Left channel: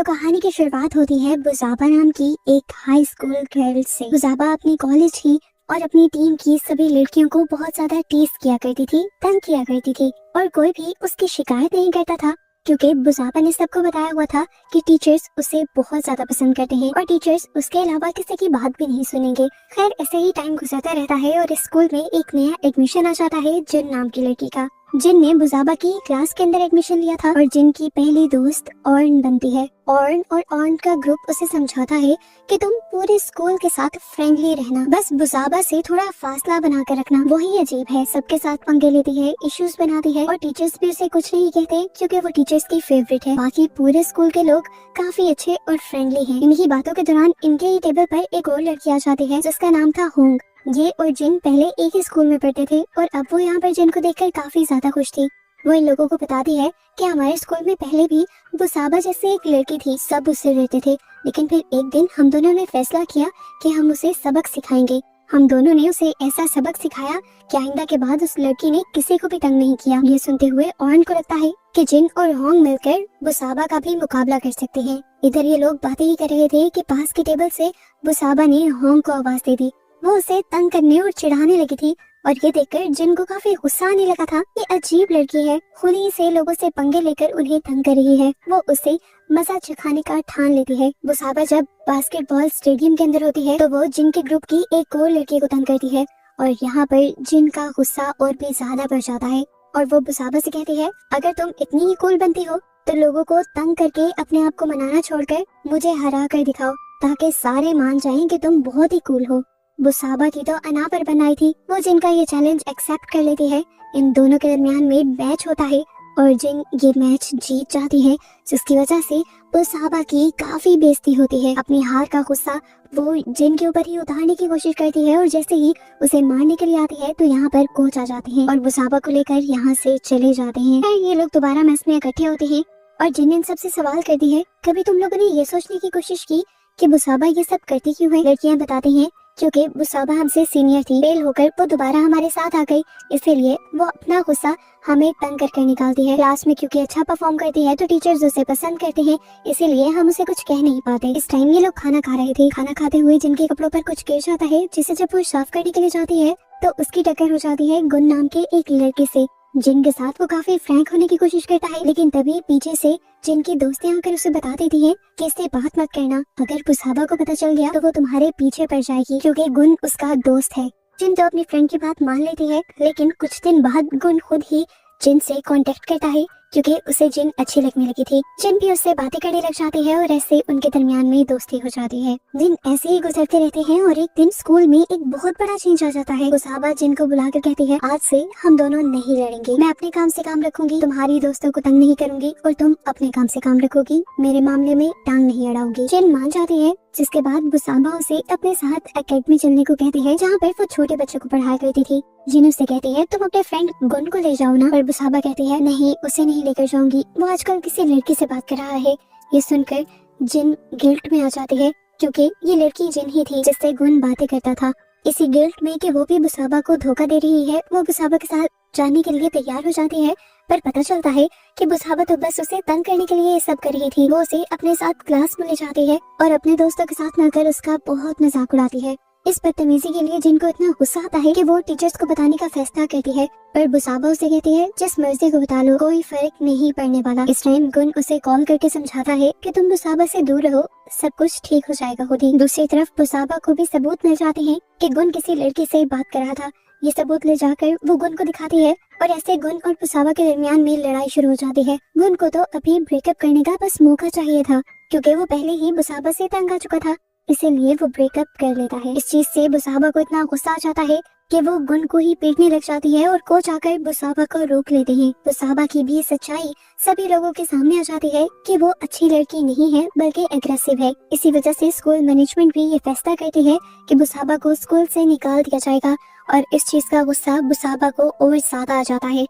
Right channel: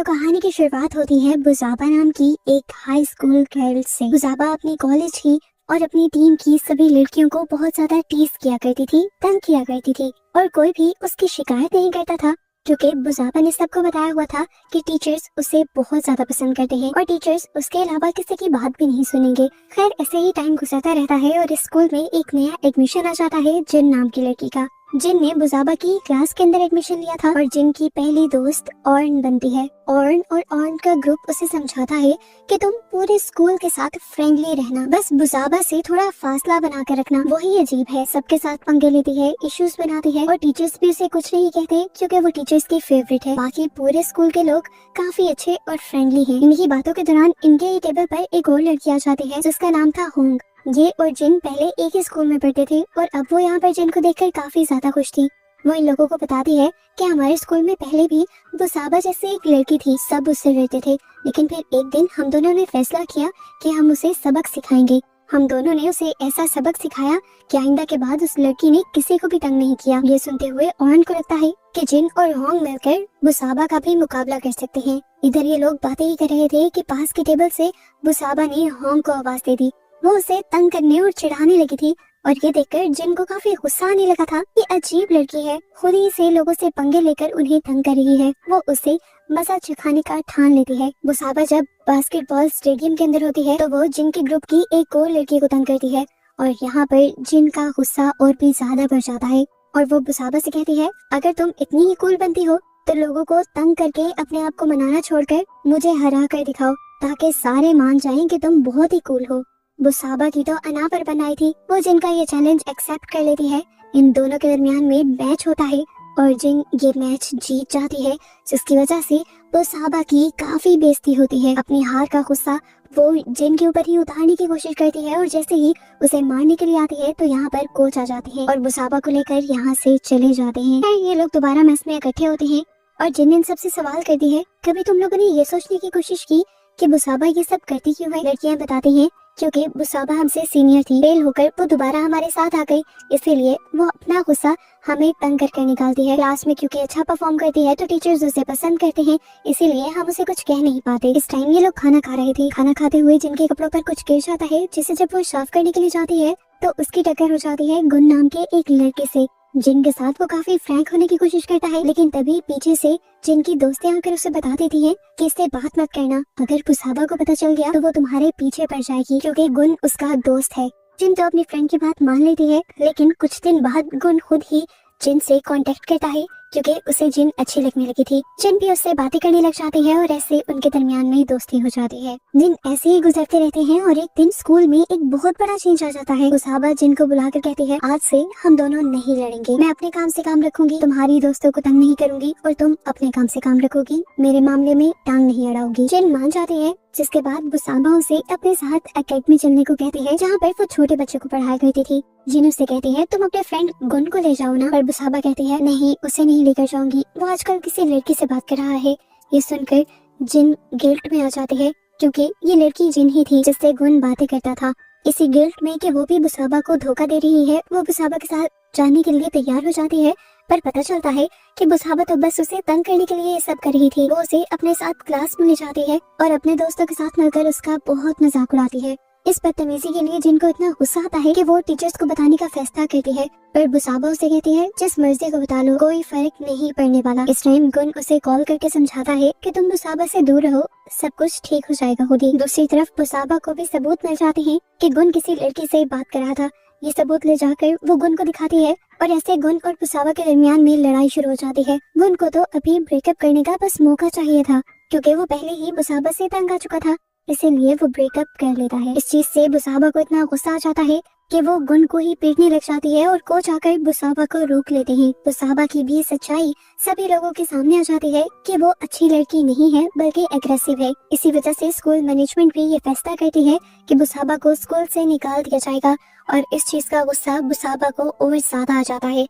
तो कहानी की शुरुआत होती है बुसाबा नाम की एक हाई स्कूल गर्ल से। बुसाबा अपनी कॉलेज की और अपनी टीम की सभी लड़कियों को बहुत ज्यादा टीज किया करती थी, तंग किया करती थी और कोई भी उसकी शिकायत नहीं करता था, क्योंकि बुसाबा ने सबको बताया हुआ था कि टीचर्स उसे बहुत ज्यादा पसंद करते हैं और टीचर्स उसके अलावा किसी की बात भी नहीं सुनेंगे। खैर ऐसे ही टाइम गुजरता रहता है और स्कूल में एक नया एडमिशन आ जाता है जिन नाम की लड़की का, जिन ने बुसाबा की क्लास के अंदर एडमिशन लिया था और जिन की पहली दोस्त ऑर्न बनती है। ऑर्न और ऑर्न का ग्रुप उसे समझाता है कि तुम पूरे स्कूल के साथ फ्रेंडली रहना, बस बुसाबा से थोड़ा फासला बना कर रखना। वही अजीब है, सबके साथ पंगे लेती है, इश्यूज बनाती है और टीचर्स भी उसे कुछ नहीं कहते क्योंकि वो टीचर्स की फेवरेट है। बाकी पूरे स्कूल के लोग काफी अच्छे और फ्रेंडली हैं। इन्हीं बातों के दौरान इनके ही टेबल पर एक और लड़की आ जाती है जिसका नाम था होंग। ये और जिन पहले एक ही स्कूल में पढ़ते थे और अब वो यहाँ पर जिन को देखकर काफी ज्यादा खुश थी। वो इन लोगों को बताती है कि हमारे स्कूल में पहले भी बुसाबा जैसी एक लड़की थी, सब उससे रहते थे, लेकिन फिर एक दिन हम दोनों ने फैसला किया कि हम उसे सबक सिखाएंगे। हम दोनों ने उसे ऐसा सबक सिखाया कि आइंदा के बाद उस लड़की ने किसी को भी तंग नहीं किया। ये सुनते हुए ऑर्न को लगता है कि जिन और होंग मिलकर बुसाबा का भी मुकाबला कर सकते हैं। इधर ये लोग बातें ही कर रहे थे कि पास के टेबल से बुसाबा ने होंग को आवाज दे दी। वो उसे तंग करने और चिढ़ाने लगी थी और ये देखकर जिन को काफी गुस्सा आने लगा था। ये अजीब लड़की है, खुद ही से लोगों से पंगे लेकर उन्हें तंग कर रही है। वो उसे मजा चखाने का ठान लेती है। बुसाबा जब बास्केटबॉल स्टेडियम के अंदर होती है तो वो जिन के ग्रुप की एक और लड़की को तंग करती है और यहाँ पर जिन का गुस्सा और भी ज्यादा बढ़ जाता है और वो बुसाबा से कहती है, अगर तुम इतनी ही कूल बनती हो तो लोगों को तंग करके अपने आप को मनाना छोड़कर मुझे हरा कर दिखाओ, ताकि सारे मान जाएं कि तुम बहुत ही कूल हो। बुसाबा की तो अना पर बनाई थी, वो जिन का ये चैलेंज एक्सेप्ट कर लेती है। इन दोनों के दरमियान में मैच होता है और जिन ये मैच जीत जाती है, जिसकी वजह से बुसाबा की काफी बेइज्जती होती है। अपनी हार का गुस्सा वो जिन के ऊपर ही उतारने की कोशिश करती है और जैसे ही उसे मारने के लिए आती है तो यहाँ पर कोच आ जाते हैं और बुसाबा को लेकर यहाँ से चले जाते हैं। ये लोग दोबारा मैच में इकट्ठे होते हैं और जिन इन सबसे सवाल करती है, कभी तुम लोगों ने ये सोचने की कोशिश की कि बुसाबा ये सब करती क्यों है? लड़कियां बताती हैं क्योंकि बुसाबा हमसे सीनियर थी, फेल होकर वो दोबारा हमारे साथ आ गई, इसीलिए वो अपना गुस्सा हमें तंग करके निकालती है। क्लास में क्योंकि अच्छा परफॉर्म करती है तो टीचर्स उसे पसंद करते हैं, इसीलिए हम उसे कुछ कह नहीं पाते। इस टाइम ये लोग खाना खा रहे थे। खाना खाते हुए जिनके कपड़ों पर कुछ गिर जाता है, जिसे जब वो साफ करने के लिए जाती है तो उसकी टक्कर हो जाती है गुन नाम के एक लड़के से, जिनके साथ वो काफी फ्रैंक होने की कोशिश करता है, लेकिन तभी पीछे से जिनकी दोस्तें आकर उसे बता देती हैं कि इससे बात मत करना, अगर बुसाबा को पता चल गया तो वो तुम्हारे पीछे पड़ जाएगी, क्योंकि गुन उसका दोस्त है। जिन तो अपनी फ्रेंड की बात मान लेती है, लेकिन कुछ दिन बाद गुन खुद ही जिन से कांटेक्ट करता है क्योंकि उसे जिन अच्छी लगने लगी थी। जिन भी उससे बातें करने लग जाती है और ऐसे उनके दरमियान में दोस्ती हो जाती है। दिन ऐसे ही गुजरते रहते हैं और एक दिन स्कूल में एक बहुत बड़ा चेंज आ जाता है। बुसाबा जिन को बुलाकर कहती है, आज से हम दोनों नहीं लड़ेंगे, मैं अपने काम से काम रखूंगी, तुम्हारी दोस्तों को तंग नहीं करूंगी और तुम अपने काम से काम रखोगी, मेरे मामले में टांग नहीं अड़ाओगी। जिन मान जाती है, जिसके बाद बुसाबा उसे अपने साथ एकेडमी चलने को कहती है जहाँ पर वो छोटे बच्चों को पढ़ाया करती थी। जिन उससे कहती है, तुम अपने फ्रेंड गुन को ले जाओ ना, पर बुसाबा कहती है, नहीं उसे नहीं लेकर जाऊंगी, वो आजकल किसी लड़की से बात कर रहा है। ये सुनकर जिन गिल्ट में आ जाती है क्योंकि ये लड़की जिन ही थी जिससे गुन बातें करता था। इसी गिल्ट में कि वो भी बुसाबा को धोखा दे रही है, वो बुसाबा के साथ जाने के लिए तैयार हो जाती है, पर पता चलता है कि बुसाबा तो बस उसे तंग करने के लिए ये सब कर रही थी। वो उसे अपने साथ क्लास में ले जाती है और अपने दोस्तों के साथ मिलकर उसका बहुत मजाक उड़ाती है। इस बदतमीजी के लिए जिनको इतना गुस्सा आता है कि वो टीचर्स को बताने का फैसला करती है, पर बुसाबा उसे कहती है, जिस मर्जी को बता लो, कोई फर्क नहीं पड़ने वाला। इस टाइम गुन उसे कॉल करके समझाता है कि तुम बुसाबा से दूर रहो, सब कुछ ठीक हो जाएगा खुद ही। दूसरी तरफ बुसाबा को भी सबूत मिल जाते हैं कि गुन किसी लड़की से बात कर रहा था। ये सबूत ले जाकर वो गुन को दिखाती है और ऐसे गुन और बुसाबा के दरमियान में लड़ाई शुरू हो जाती है। गुन को तो अभी ब्रेकअप करने का बस मौका चाहिए था, क्योंकि वो पहले ही बुसाबा से तंग आ चुका था, इसीलिए वो ब्रेकअप कर लेता है। इस चीज से बुसाबा को इतना गुस्सा आ जाता है कि वो गुन को ही पीटने लग जाती है और कोच आकर बुसाबा को रोक लेते हैं। बुसाबा की भी सच्चाई सभी लोगों के सामने आ जाती है कि वो अच्छी लड़की नहीं है बल्कि एग्रेसिव है। इसी वजह से स्कूल मैनेजमेंट भी ये फैसला करती है कि बुसाबा को स्कूल से निकाल दिया जाएगा और इस चीज का गुस्सा बुसाबा को और ज्यादा आ जाता है।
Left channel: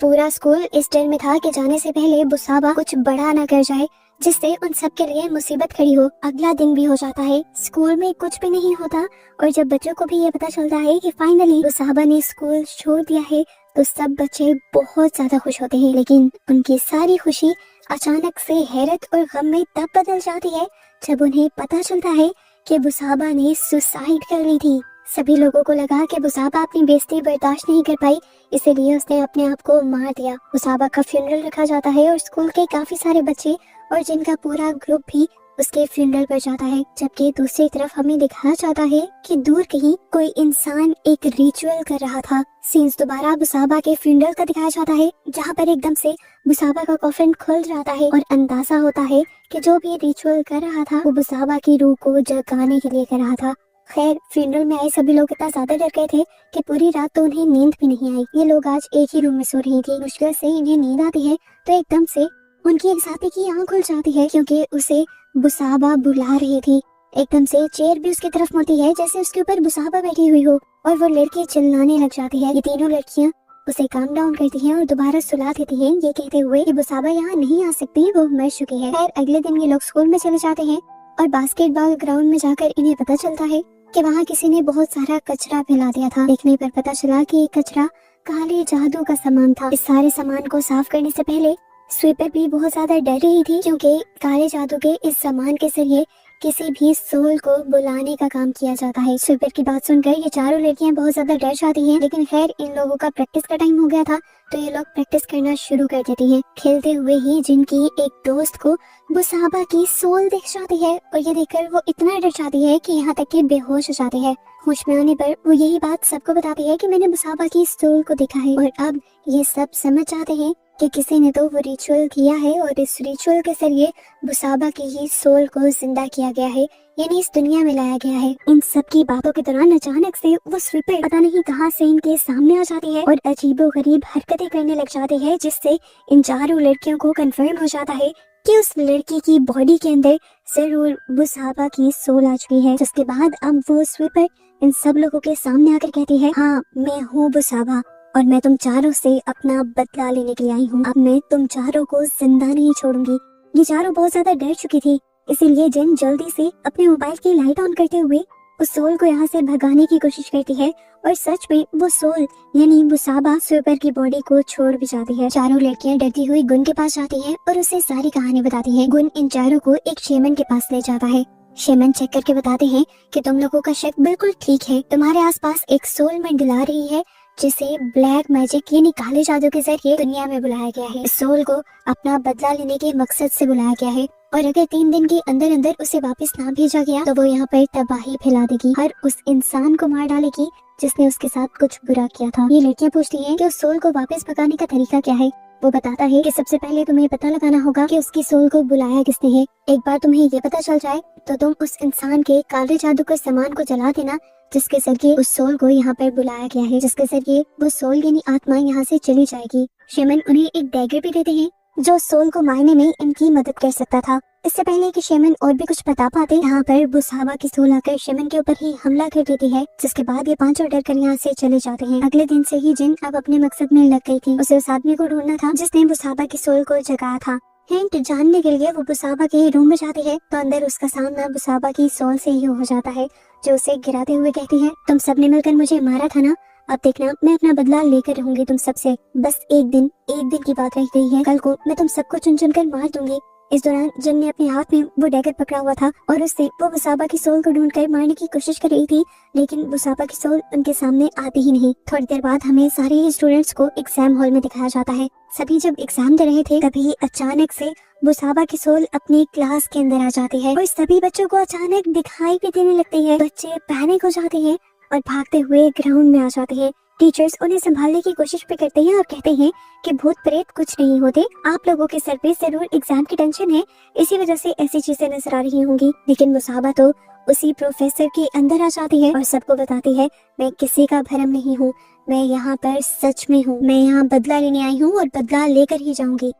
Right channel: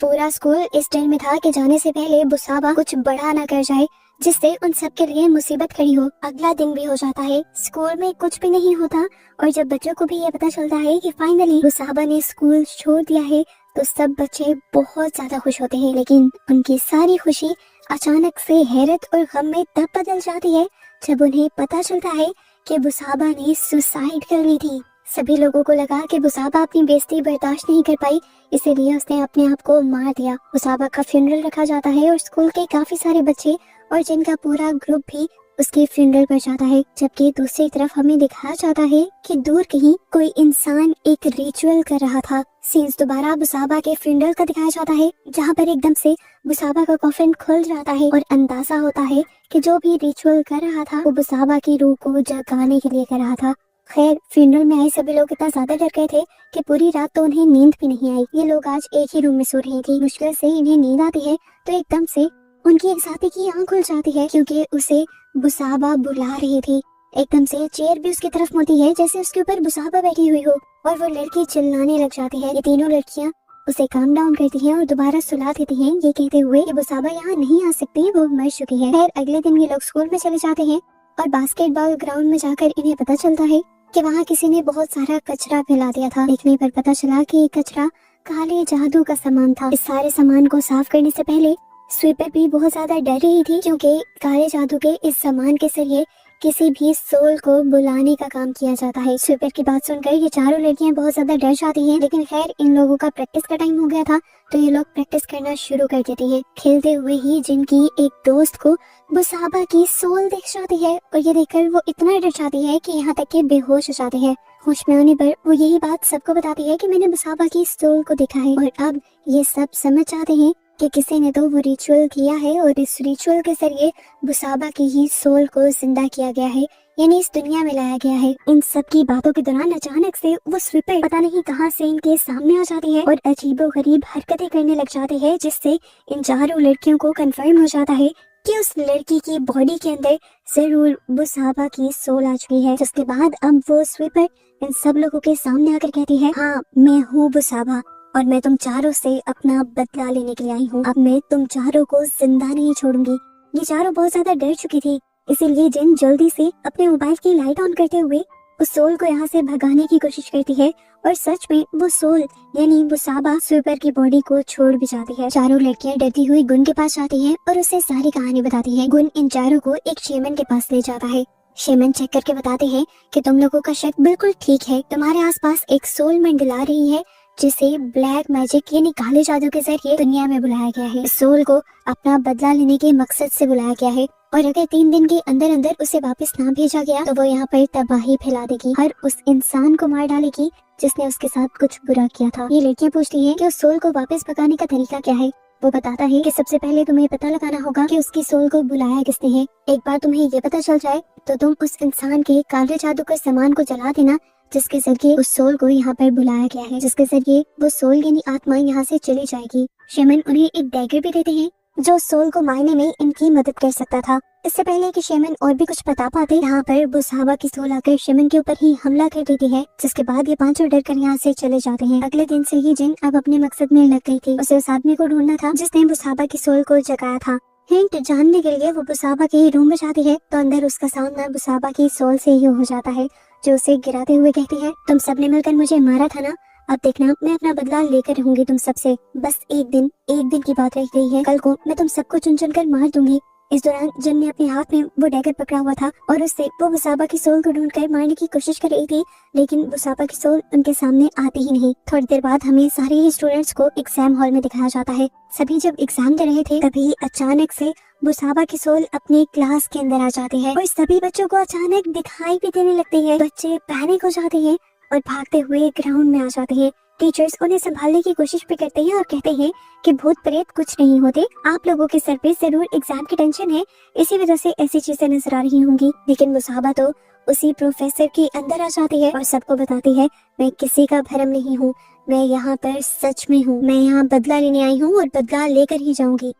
पूरा स्कूल इस डर में था कि जाने से पहले बुसाबा कुछ बड़ा ना कर जाए जिससे उन सब के लिए मुसीबत खड़ी हो। अगला दिन भी हो जाता है, स्कूल में कुछ भी नहीं होता और जब बच्चों को भी ये पता चलता है कि फाइनली बुसाबा ने स्कूल छोड़ दिया है तो सब बच्चे बहुत ज्यादा खुश होते हैं, लेकिन उनकी सारी खुशी अचानक से हैरत और गम में तब बदल जाती है जब उन्हें पता चलता है कि बुसाबा ने सुसाइड कर ली थी। सभी लोगों को लगा कि बुसाबा अपनी बेइज्जती बर्दाश्त नहीं कर पाई, इसीलिए उसने अपने आप को मार दिया। बुसाबा का फ्यूनरल रखा जाता है और स्कूल के काफी सारे बच्चे और जिनका पूरा ग्रुप भी उसके फ्यूनरल पर जाता है, जबकि दूसरी तरफ हमें दिखाया जाता है कि दूर कहीं कोई इंसान एक रिचुअल कर रहा था। सीन्स दोबारा बुसाबा के फ्यूनरल का दिखाया जाता है, जहाँ पर एकदम से बुसाबा का कॉफिन खुल जाता है और अंदाजा होता है कि जो भी रिचुअल कर रहा था वो बुसाबा की रूह को जगाने के लिए कर रहा था। खैर, फ्यूनरल में आए सभी लोग इतना ज्यादा डर गए थे कि पूरी रात तो उन्हें नींद भी नहीं आई। ये लोग आज एक ही रूम में सो रहे थे। मुश्किल से इन्हें नींद आती है तो एकदम से उनकी एक साथी की आंख खुल जाती है, क्योंकि उसे बुसाबा बुला रही थी। एकदम से चेयर भी उसकी तरफ मुड़ती है जैसे उसके ऊपर बुसाबा बैठी हुई हो, और वो लड़की चिल्लाने लग जाती है। ये तीनों लड़कियां उसे काम डाउन करती हैं और दोबारा सुला देती हैं, ये कहते हुए कि बुसाबा यहाँ नहीं आ सकती, वो मर चुकी है। खैर, अगले दिन ये लोग स्कूल में चले जाते हैं और बास्केटबॉल ग्राउंड में जाकर इन्हें पता चलता है कि वहाँ किसी ने बहुत सारा कचरा फैला दिया था। देखने पर पता चला कि ये कचरा काले जादू का सामान था। इस सारे सामान को साफ करने से पहले स्वीपर भी बहुत ज्यादा डर रही थी, क्योंकि काले जादू के इस सामान के जरिए किसी भी सोल को बुलाने का काम किया जाता है। स्वीपर की बात सुनकर ये चारों लड़कियां बहुत ज्यादा डर जाती हैं, लेकिन खैर इन लोगों का प्रैक्टिस का टाइम हो गया था तो ये लोग प्रैक्टिस करना शुरू कर देती हैं। खेलते हुए ही जिनकी एक दोस्त को बुसाबा की सोल दिख जाती है और ये देखकर वो इतना डर जाती है कि यहाँ तक कि बेहोश हो जाती है। होश में आने पर वो यही बात सबको बताती है कि मैंने बुसाबा की सोल को देखा है, और अब ये सब समझ जाते हैं कि किसी ने तो वो रिचुअल किया है और इस रिचुअल के जरिए बुसाबा की ही सोल को जिंदा किया गया है, यानी इस दुनिया में लाया गया है। इन सब की बातों के दौरान अचानक से वो स्वीपर पता नहीं कहां से इनके सामने आ जाती है और अजीबोगरीब हरकतें करने लग जाते हैं, जिससे इन चारों लड़कियों को कंफर्म हो जाता है कि उस लड़की की बॉडी के अंदर जरूर बुसाबा की सोल आ चुकी है। जिसके बाद अब वो स्वीपर इन सब लोगों के सामने आकर कहती है, हाँ मैं हूँ बुसाबा और मैं तुम चारों से अपना बदला लेने के लिए आई हूँ। अब मैं तुम चारों को जिंदा नहीं छोड़ूंगी। ये चारों बहुत ज्यादा डर चुकी थी, इसीलिए जिन जल्दी से अपने मोबाइल की लाइट ऑन करते हुए उस सोल को यहाँ से भगाने की कोशिश करती है, और सच में वो सोल यानी बुसाबा स्वीपर की बॉडी को छोड़ भी जाती है। चारों लड़कियां डरती हुई गुन के पास जाती हैं और उसे सारी कहानी बताती हैं। गुन इन चारों को एक शेमन के पास ले जाता है। शेमन चेक करके बताते हैं कि तुम लोगों का शक बिल्कुल ठीक है, तुम्हारे आसपास एक सोल मंडला रही है जिसे ब्लैक मैजिक यानी काले जादू के जरिए दुनिया में बुलाया गया है। इस सोल को अपना बदला लेने के मकसद से बुलाया गया है, और अगर 3 दिन के अंदर अंदर उसे वापस ना भेजा गया तो वो यहाँ पर तबाही फैला देगी, हर उस इंसान को मार डालेगी जिसने उसके साथ कुछ बुरा किया था। ये लड़कियां पूछती हैं कि उस सोल को वापस पकाने का तरीका क्या है। वो बताता है कि सबसे पहले तुम्हें पता लगाना होगा कि उसकी सोल को बुलाया किसने है। एक बार तुम्हें ये पता चल जाए तो तुम उस इंसान के काले जादू के सामान को जला देना जिसके जरिए उस सोल को यहाँ पर बुलाया गया है, जिसके जरिए वो सोल यानी आत्मा यहाँ से चली जाएगी। शेमन उन्हें एक डैगर भी देते हैं जो सोल को मारने में इनकी मदद कर सकता था। इससे पहले कि शेमन और भी कुछ बता पाते, यहाँ पर बुसाबा की सोल आकर शेमन के ऊपर ही हमला कर देती है, जिसके बाद ये पांचों डर कर यहाँ से चले जाते हैं। अगले दिन से ही जिन अब अपने मकसद में लग गई थी। उसे उस आदमी को ढूंढना था जिसने बुसाबा की सोल को जगाया था। हिंट जानने के लिए वो बुसाबा के रूम में जाती है तो अंदर उसका सामना बुसाबा की सोल से ही हो जाता है, जो उसे गिराते हुए कहती है, तुम सबने मिलकर मुझे मारा था ना, अब देखना मैं अपना बदला लेकर रहूंगी तुम सबसे। बस एक दिन की बात रह गई है, कल को मैं तुम सबको चुन चुन कर मार दूंगी। इस दौरान जिन ने अपने हाथ में वो डैगर पकड़ा हुआ था और उससे वो बुसाबा की सोल को ढूंढकर मारने की कोशिश कर रही थी, लेकिन बुसाबा की सोल उनके सामने आती ही नहीं। थोड़ी देर बाद हमें सारे ही स्टूडेंट्स को एग्जाम हॉल में दिखाया जाता है। सभी जब एग्जाम दे रहे थे तभी अचानक से बुसाबा की सोल अपने क्लास के अंदर आ जाती है और सभी बच्चों को अचानक दिखाई भी देने लगती है। बच्चे पैनिक हो जाते हैं और भागते हुए ग्राउंड में आ जाते हैं। टीचर्स उन्हें संभालने की कोशिश भी करते हैं और कहते हैं कि भूत प्रेत कुछ नहीं होते, आप लोगों के सर पे जरूर एग्जाम की टेंशन है, इसी वजह से ऐसी चीजें नजर आ रही होंगी। लेकिन बुसाबा तो उसी प्रोफेसर के अंदर आ जाती है और सबको बताती है, मैं किसी का भरम नहीं हूँ, मैं यहाँ पर सच में हूँ, मैं यहाँ बदला लेने आई हूँ और बदला लेकर ही जाऊंगी।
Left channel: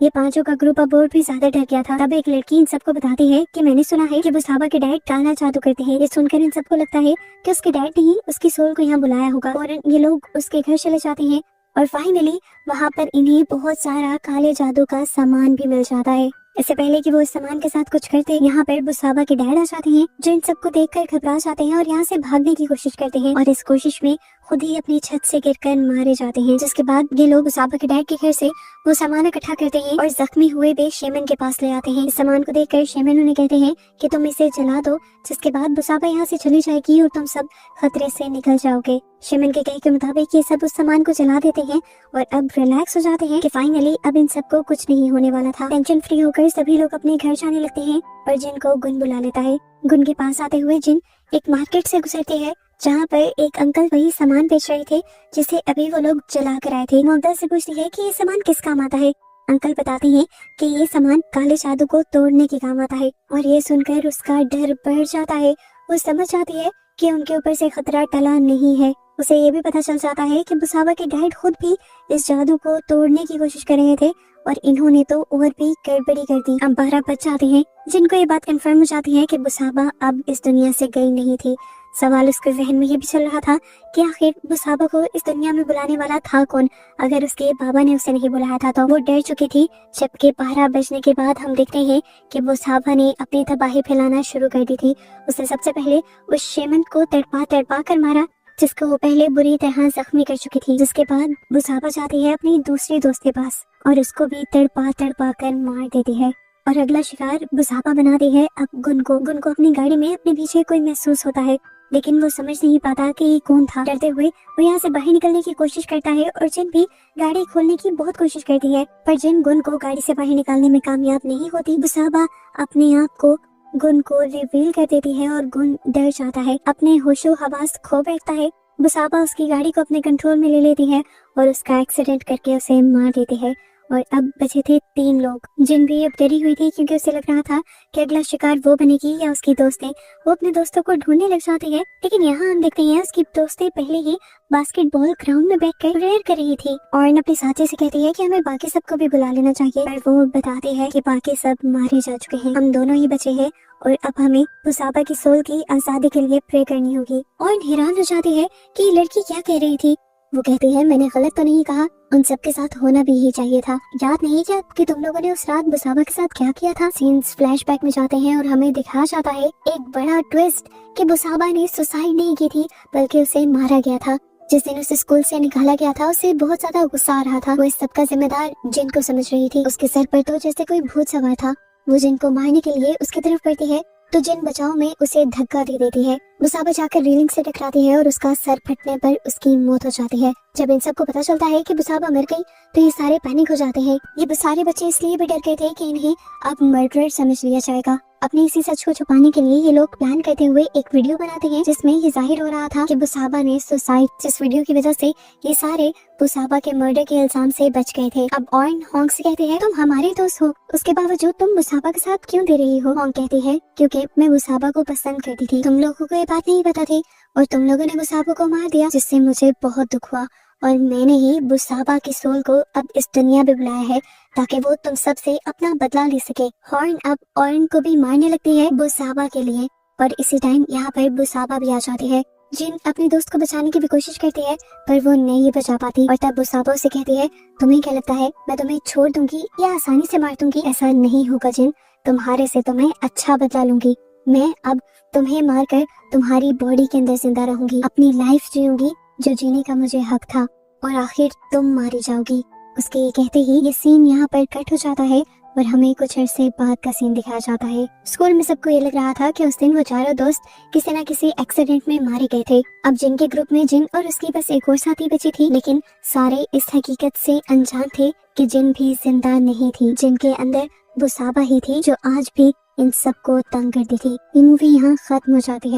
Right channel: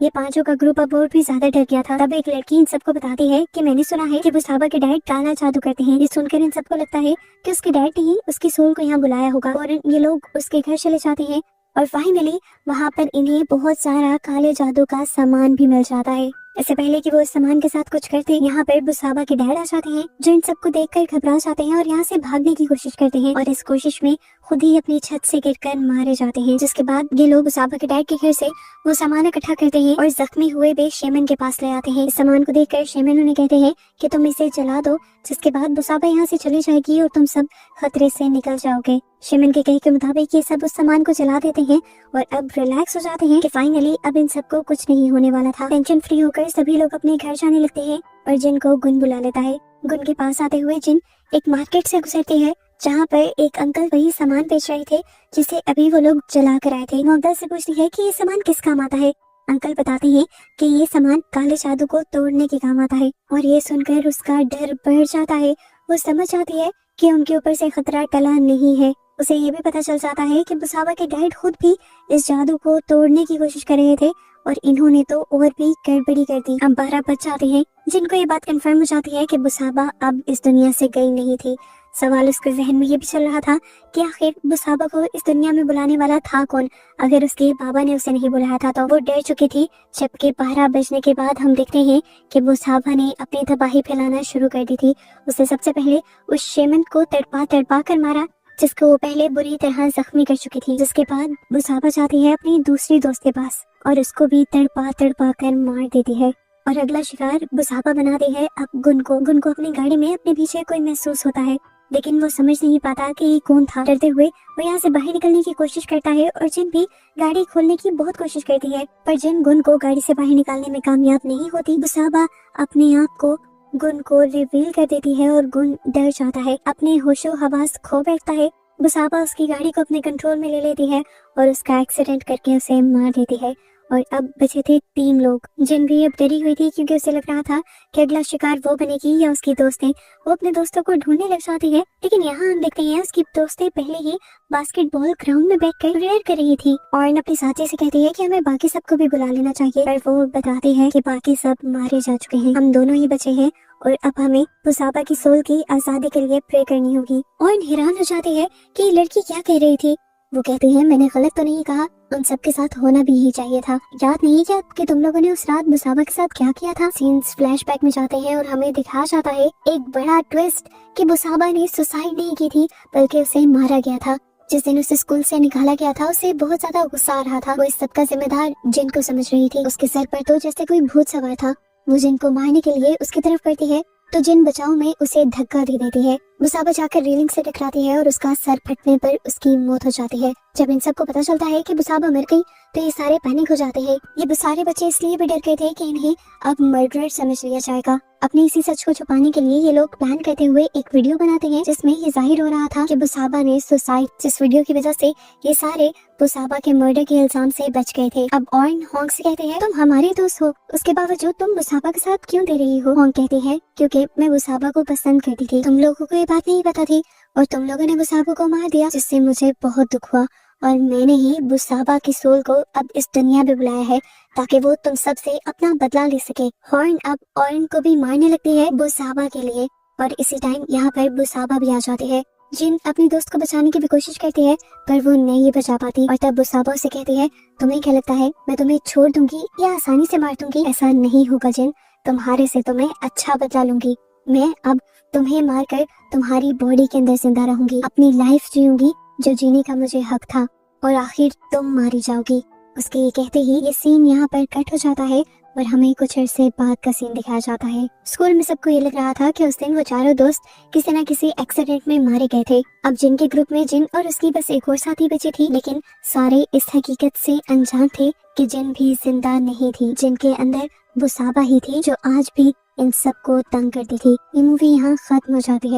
ये पांचों का ग्रुप अब और भी ज्यादा डर गया था। तब एक लड़की इन सबको बताती है कि मैंने सुना है कि बुसाबा के डैड काला जादू करते हैं। ये सुनकर इन सबको लगता है कि उसके डैड ने ही उसकी सोल को यहाँ बुलाया होगा और ये लोग उसके घर चले जाते हैं और फाइनली वहाँ पर इन्हें बहुत सारा काले जादू का सामान भी मिल जाता है। इससे पहले कि वो इस सामान के साथ कुछ करते, यहाँ पर बुसाबा के डैड आ जाते हैं, जो इन सबको देखकर घबरा जाते हैं और यहाँ से भागने की कोशिश करते हैं और इस कोशिश में खुद ही अपनी छत से गिरकर मारे जाते हैं। जिसके बाद ये लोग बुसाबा के डैड के घर से वो सामान इकट्ठा करते हैं और जख्मी हुए बे शेमन के पास ले आते हैं। इस सामान को देखकर शेमन उन्हें कहते हैं कि तुम इसे जला दो, जिसके बाद बुसाबा यहाँ से चली जाएगी और तुम सब खतरे से निकल जाओगे। शेमन के कहे के मुताबिक ये सब उस सामान को जला देते हैं और अब रिलैक्स हो जाते हैं कि फाइनली अब इन सबको कुछ नहीं होने वाला था। टेंशन फ्री होकर सभी लोग अपने घर जाने लगते हैं और जिन को गुन बुला लेता है। गुन के पास आते हुए जिन एक मार्केट से गुजरते हैं जहाँ पर एक अंकल वही सामान बेच रहे थे जिसे अभी वो लोग जला कर आए थे। वो अंकल से पूछती है कि ये सामान किस काम आता है। अंकल बताते हैं कि ये सामान काले जादू को तोड़ने के काम आता है और ये सुनकर उसका डर बढ़ जाता है। वो समझ जाती है कि उनके ऊपर से खतरा टला नहीं है। उसे ये भी पता चल जाता है कि बुसाबा के डैड खुद भी इस जादू को तोड़ने की कोशिश कर रहे थे और इन्होंने तो और भी गड़बड़ी कर दी। अब 12 बच जाते हैं जिनको ये बात कंफर्म हो जाती है कि बुसाबा अब इस दुनिया से गई नहीं थी। सवाल उसके जहन में ये भी चल रहा था कि आखिर बुसाबा को इस दुनिया में बुलाने वाला था कौन। अगर उसके बाबा ने उसे नहीं बुलाया था तो वो डर चुकी थी। जबकि 12 बजने के बाद हम देखते हैं कि बुसाबा ने अपनी तबाही फैलाना शुरू कर दी थी। उसने सबसे पहले उस शेमन को तड़पा कर मारा जिसको वो पहले बुरी तरह जख्मी कर चुकी थी। जिसके बाद बुसाबा जाती है अपनी दूसरी दोस्त के पास और उसको भी तड़पा कर मार देती है और अगला शिकार बुसाबा बनाती है अब गुन को अपनी गाड़ी में अपने पीछे कोई महसूस होता है, लेकिन वो समझ नहीं पाता कि ये कौन था। डरते हुए वो यहाँ से बाहर निकलने की कोशिश करता है और जिन भी गाड़ी खोलने की बहुत कोशिश करती है, पर जिन गुन को गाड़ी से बाहर निकालने में कामयाब नहीं होती। बुसाबा अपने आप को गुन को रिवील कर देती है और गुन डर जाता है, अपने होशो हवास खो बैठता है। बुसाबा उसकी गाड़ी को अपने कंट्रोल में ले लेती है और उसका एक्सीडेंट करके उसे मार देती है। और अब बचे थे 3 लोग। जिन भी अब डरी हुई थी क्योंकि उसे लग रहा था कि अगला शिकार वो बनेगी या उसकी दोस्तें। वो अपने दोस्तों को ढूंढने लग जाती है, लेकिन यहाँ हम देखते हैं उसकी दोस्तें पहले ही बास्केटबॉल ग्राउंड में बैठकर प्रेयर कर रही थी और अपनी साथी से कहती है कि हमें बाकी सबको भी बुला लेना चाहिए, पर वो बताते हैं कि बाकी सब मारे जा चुके हैं, हम दोनों ही बचे हैं और अब हमें बुसाबा की सोल की आजादी के लिए प्रे करनी होगी। और हैरान हो जाती है कि ये लड़की क्या कह रही थी। वो कहती है मैंने गलत तो नहीं कहा, उन सबके साथ होना भी ही चाहिए था। याद नहीं क्या कि तुम लोगों ने उस रात बुसाबा के साथ क्या किया था। सीन्स फ्लैशबैक में जाते हैं और हमें दिखाया जाता है एक बड़ा ट्विस्ट कि बुसाबा ने सुसाइड नहीं की थी बल्कि उसे मारा गया था। जिस दिन उसे स्कूल से निकाला गया था उसे बहुत ज्यादा गुस्सा आ रहा था। वो इस सबका जिम्मेदार जिन को समझ रही थी। उसके सर पर तो जैसे कोई भूत सवार था। वो जिन को मारने के लिए उसकी तरफ बढ़ती है तो जिन बचाव में उसे धक्का दे देती है। बुसाबा जाकर रेलिंग से टकराती है और उसका सर फटने पर उसकी मौत हो जाती है। जब इन सबको पता चलता है कि बुसाबा मर गई तो ये सारे पैनिक हो जाते हैं। ये सारे बच्चे इसलिए भी डर गए थे कि इन्हें अब मर्डरर समझ लिया जाएगा। अपनी इसी सच को छुपाने के लिए ये लोग प्लान करते हुए एक वीडियो बनाते हैं जिसमें ये जाहिर हो रहा था कि बुसाबा ने सुसाइड, जिस वीडियो की वजह से ये सारे बुसाबा के मर्डर के इल्जाम से बच गए थे। अब ऑर्न होंग से कहते हैं तुम हमारे दोस्त हो, उसके बावजूद तुम बुसाबा के साथ क्यों दे रही हो। होंग कहती है क्योंकि मैं बुसाबा को पसंद करती थी, तुम लोगों को ये बात नहीं पता थी और तुम लोगों ने बुसाबा को मार दिया जिससे मुझे बहुत दुख हुआ और मैंने ही बुसाबा की सोल को अब इस दुनिया में बुलाया है ताकि वो तुम सब से अपना बदला ले सके। हॉर्न अब ऑर्न को भी मारने लगती है बुसाबा के लिए और इसी टाइम यहाँ पर बुसाबा भी आ जाती है। जिन अपनी दोस्त को बचाने की भी कोशिश करती है पर वो नहीं बचा पाती और तब बुसाबा उसे कहती है तुम्हें क्या लगता है मैं तुम्हें छोड़ दूंगी या आसानी से मार दूंगी। ऐसा नहीं होगा जिन, तुम्हारे से तो मैं अच्छा बदला लूंगी। मैं अब तुम्हें मारकर तुम्हारी बॉडी के अंदर जिंदा रहूंगी, अपनी लाइफ जीऊंगी जो जीने का मुझे हक था और आखिर तुम मारी जाओगी। उसके ये कहते ही ये सीन यहाँ पर कट हो जाता है और हमें कुछ अरसे बाद का सीन दिखाया जाता है। स्कूल में सबको ये लग रहा था कि उस दिन वो चारों दोस्त किसी न किसी एक्सीडेंट में मारे गए थे। अब जिन के ग्रुप में जिन और उसकी बस एक और साथी बची थी, लेकिन सारे इस हकीकत से अनजान थे कि जिन भी जिंदा नहीं थी। जिनके अंदर बुसाबा ही थी जो आज भी इन सबको तंग करती थी। ये मूवी यहाँ खत्म हो जाती है।